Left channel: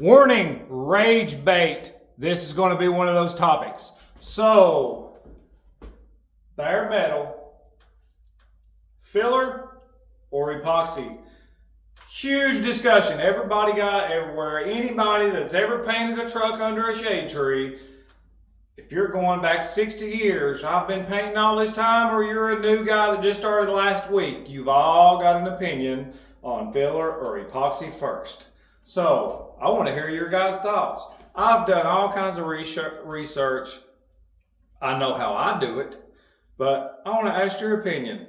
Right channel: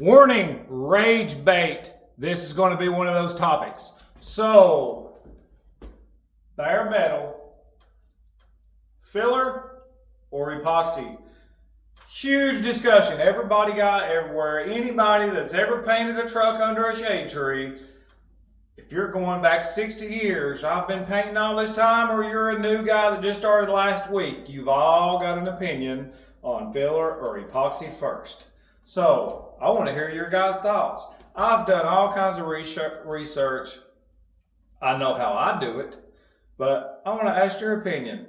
Warning, rage bait. This is going to be one of those topics. So, bare metal, filler, or epoxy? Huge discussion. Everybody got everywhere. Anybody that's ever painted a truck under a shade tree, if you're going back 60 years, I've been painting all this time, or you're a new guy that just started last week, you've all got an opinion on filler or epoxy first. So, I want to hear your guys' thoughts. I've done all kinds of research. I know how I do it, but I want to ask your opinion.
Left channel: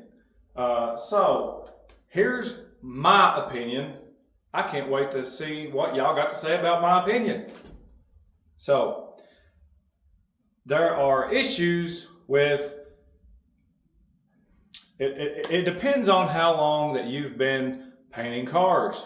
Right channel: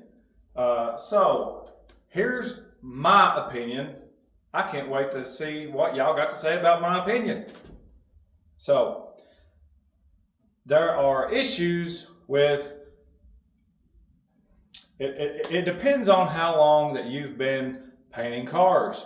So, here's my opinion. I can't wait to see what y'all got to say about my opinion. So, there are issues with it depends on how long that you've been painting cars.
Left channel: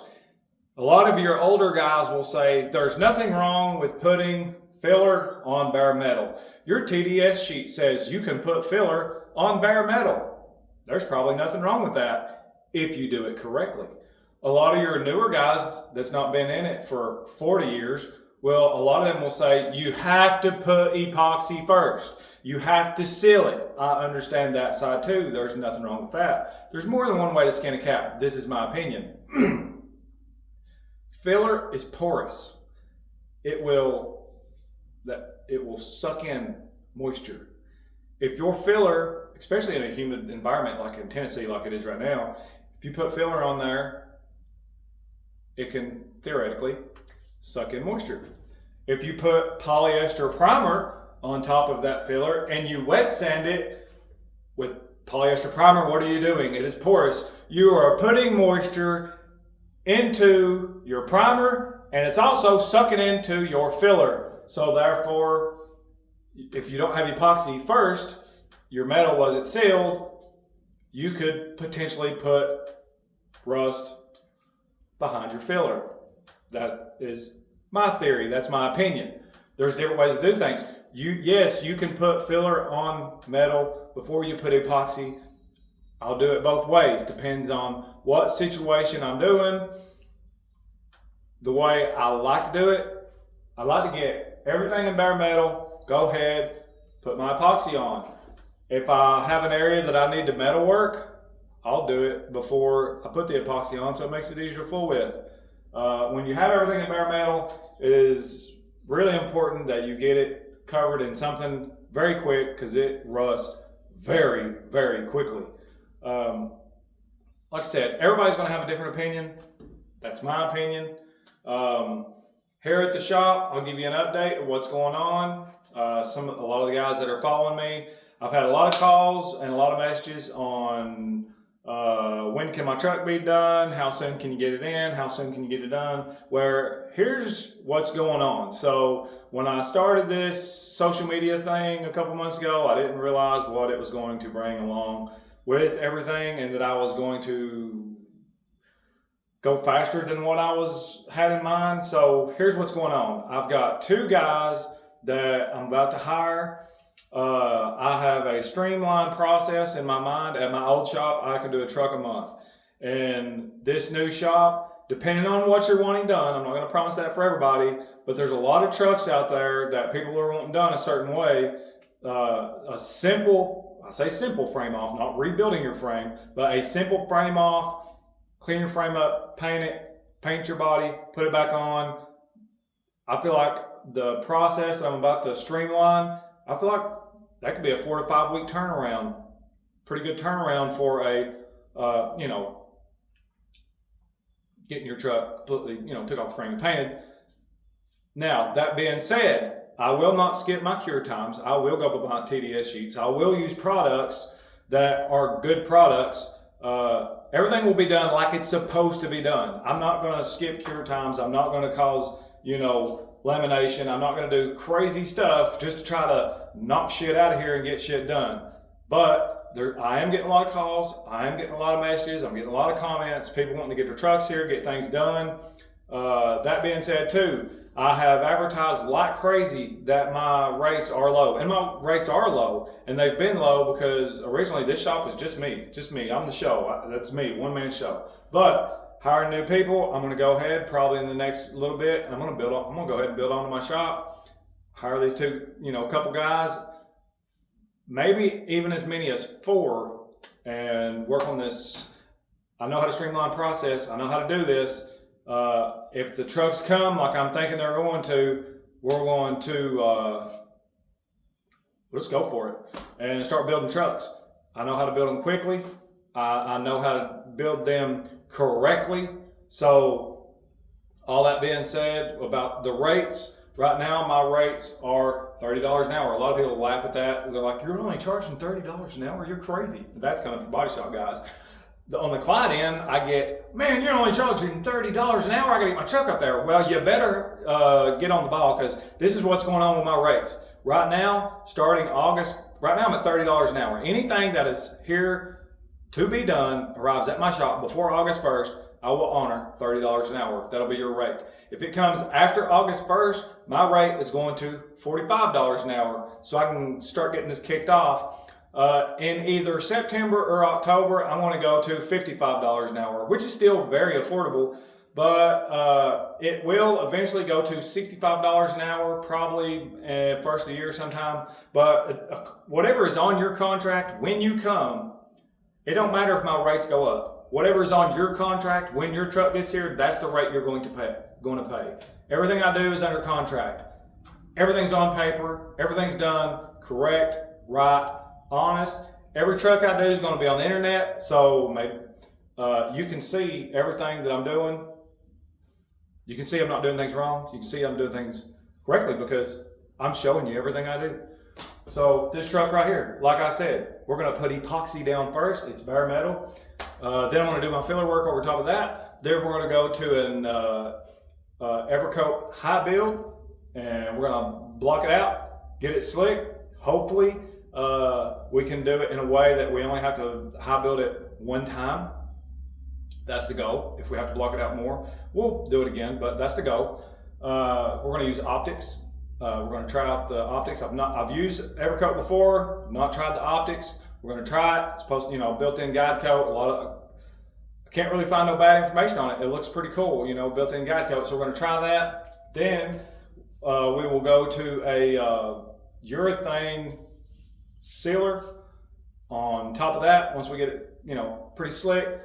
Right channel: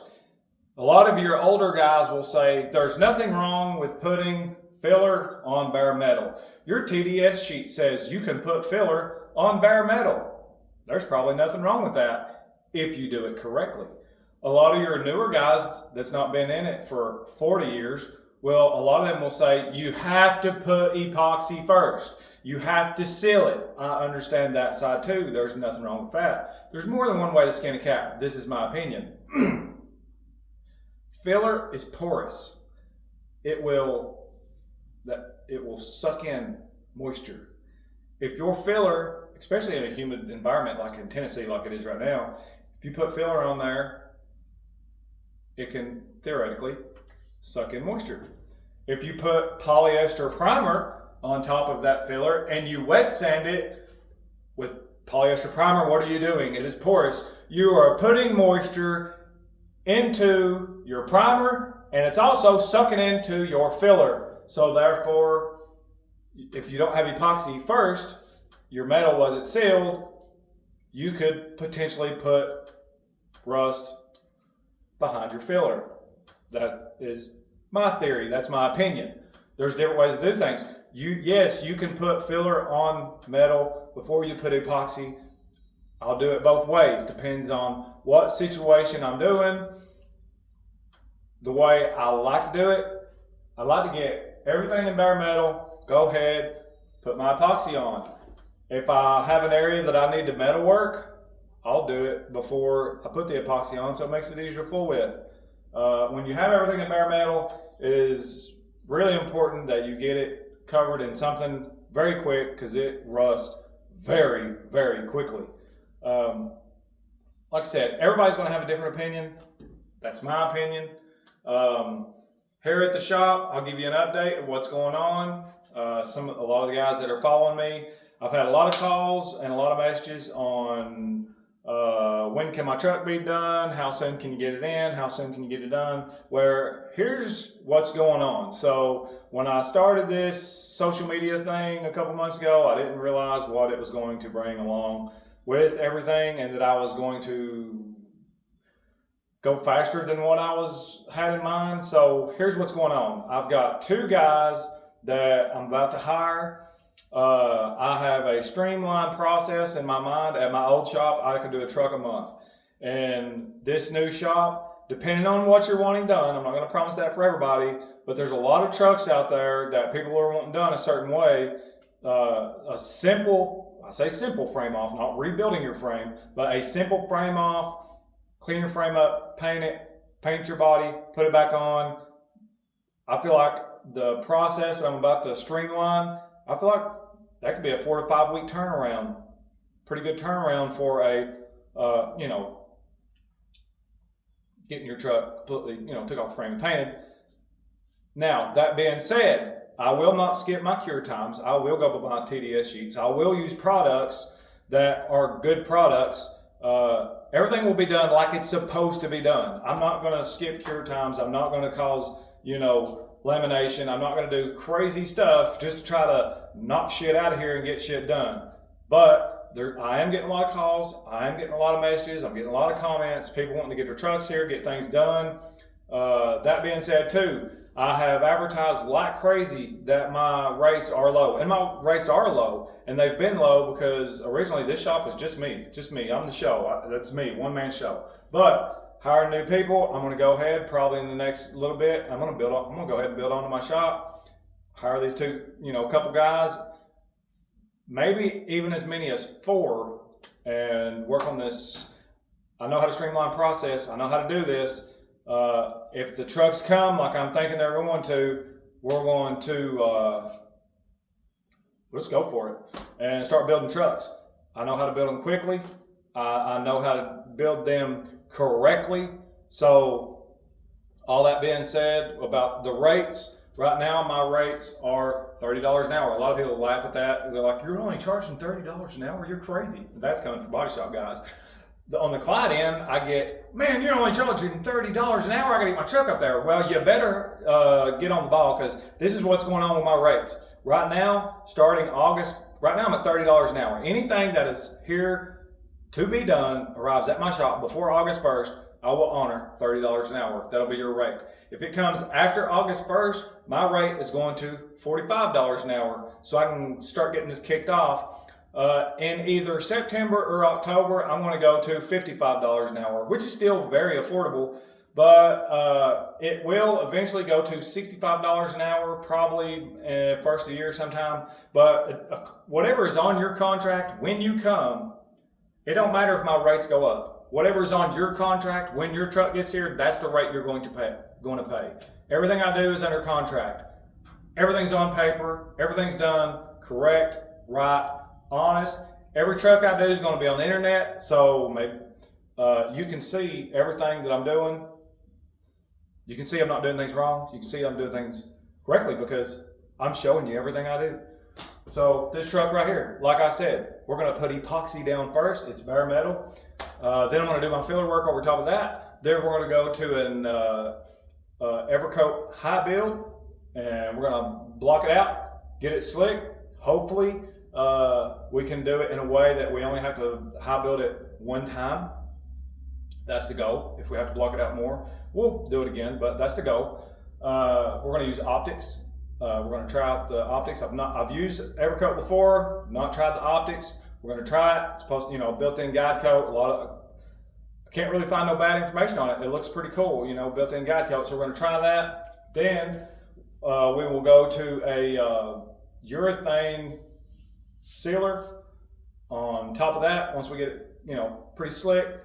A lot of your older guys will say there's nothing wrong with putting filler on bare metal. Your TDS sheet says you can put filler on bare metal. There's probably nothing wrong with that if you do it correctly. A lot of your newer guys that's not been in it for 40 years, well, a lot of them will say you have to put epoxy first. You have to seal it. I understand that side too. There's nothing wrong with that. There's more than one way to skin a cat. This is my opinion. Filler is porous. It will suck in moisture. If your filler, especially in a humid environment like in Tennessee, like it is right now, if you put filler on there, it can theoretically suck in moisture. If you put polyester primer on top of that filler and you wet sand it with polyester primer, what are you doing? It is porous. You are putting moisture into your primer, and it's also sucking into your filler. So therefore, if you don't have epoxy first, your metal wasn't sealed, you could potentially put rust behind your filler. That is my theory. That's my opinion. There's different ways to do things. Yes, you can put filler on metal before you put epoxy. I'll do it both ways. Depends on what situation I'm doing. The way I like to do it, I like to get everything in bare metal, go ahead, put my epoxy on. If I have an area that I need to metal work, I'll do it before I put the epoxy on, so it makes it easier to fool with. When you have everything in bare metal, it is really important that you get it covered in something very quick because it rusts very, very quickly. Like I said, everybody's going to have a different opinion. That's my opinion. Here at the shop, I'll give you an update of what's going on. A lot of the guys that are following me, I've had a lot of calls and a lot of messages on when can my truck be done, how soon can you get it in, how soon can you get it done. Where here's what's going on. So when I started this social media thing a couple months ago, I didn't realize what it was going to bring along with everything, and that I was going to go faster than what I had in mind. So here's what's going on. I've got 2 guys that I'm about to hire. I have a streamlined process in my mind. At my old shop, I could do a truck a month. And this new shop, depending on what you're wanting done, I'm not going to promise that for everybody, but there's a lot of trucks out there that people are wanting done a certain way. I say simple frame off, not rebuilding your frame, but a simple frame off, clean your frame up, paint your body, put it back on. I feel like the process that I'm about to streamline, I feel like that could be a 4 to 5 week turnaround. Pretty good turnaround for getting your truck completely, took off the frame and painted. Now, that being said, I will not skip my cure times. I will go by my TDS sheets. I will use products that are good products. Everything will be done like it's supposed to be done. I'm not going to skip cure times. I'm not going to cause, lamination. I'm not going to do crazy stuff just to try to knock shit out of here and get shit done. But I am getting a lot of calls. I am getting a lot of messages. I'm getting a lot of comments. People wanting to get their trucks here, get things done. That being said too, I have advertised like crazy that my rates are low. And my rates are low. And they've been low because originally this shop was just me. I'm the show. That's me, one-man show. But hiring new people. I'm going to go ahead probably in the next little bit. I'm going to go ahead and build onto my shop. Hire these two, a couple guys, maybe even as many as 4, and work on this. I know how to streamline process. I know how to do this. If the trucks come like I'm thinking they're going to, we're going to let's go for it and start building trucks. I know how to build them quickly. I know how to build them correctly. So all that being said about the rates, right now my rates are $30 an hour. A lot of people laugh at that. They're like, you're only charging $30 an hour? You're crazy. That's coming from body shop guys. On the Clyde end, I get, man, you're only charging $30 an hour. I gotta get my truck up there. Well, you better get on the ball, because this is what's going on with my rates. Right now, starting August, right now I'm at $30 an hour. Anything that is here to be done arrives at my shop before August 1st, I will honor $30 an hour. That'll be your rate. If it comes after August 1st, my rate is going to $45 an hour, so I can start getting this kicked off. In either September or October, I'm going to go to $55 an hour, which is still very affordable, but it will eventually go to $65 an hour, probably first of the year sometime. But whatever is on your contract when you come, it don't matter if my rates go up. Whatever is on your contract when your truck gets here, that's the rate you're going to pay. Everything I do is under contract. Everything's on paper. Everything's done correct, right, honest. Every truck I do is going to be on the internet, so maybe you can see everything that I'm doing. You can see I'm not doing things wrong. You can see I'm doing things correctly because I'm showing you everything I do. So this truck right here, like I said, we're going to put epoxy down first. It's bare metal. Then I'm going to do my filler work over top of that. Then we're going to go to an Evercoat high build, and we're going to block it out, get it slick. Hopefully we can do it in a way that we only have to high build it one time. That's the goal. If we have to block it out more, we'll do it again, but that's the goal. We're going to use optics. We're going to try out the optics. I've used Evercoat before, not tried the optics. We're going to try it. It's supposed, built-in guide coat. I can't really find no bad information on it. It looks pretty cool, built-in guide coat. So we're going to try that. Then we will go to a urethane sealer on top of that. Once we get it, pretty slick,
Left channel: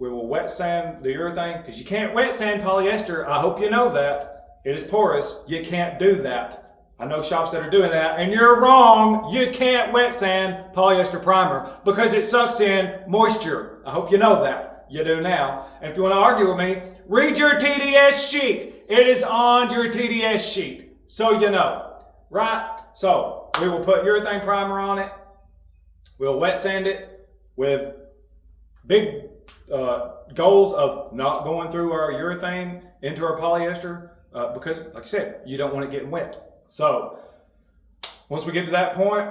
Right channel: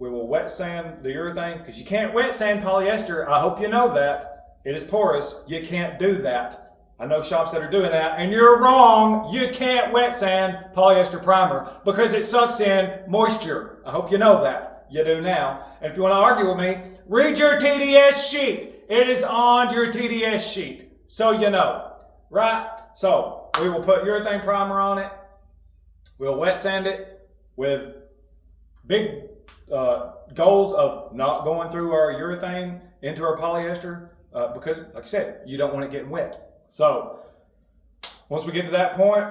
we will wet sand the urethane, because you can't wet sand polyester. I hope you know that. It is porous. You can't do that. I know shops that are doing that, and you're wrong. You can't wet sand polyester primer because it sucks in moisture. I hope you know that. You do now. And if you want to argue with me, read your TDS sheet. It is on your TDS sheet, so you know, right? So we will put urethane primer on it. We'll wet sand it with big goals of not going through our urethane into our polyester because, like I said, you don't want it getting wet. So once we get to that point,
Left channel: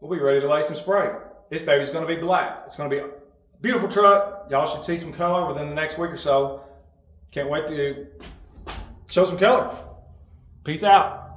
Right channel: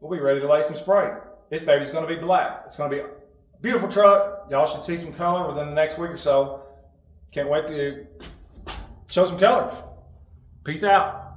we'll be ready to lay some spray. This baby's going to be black. It's going to be a beautiful truck. Y'all should see some color within the next week or so. Can't wait to show some color. Peace out.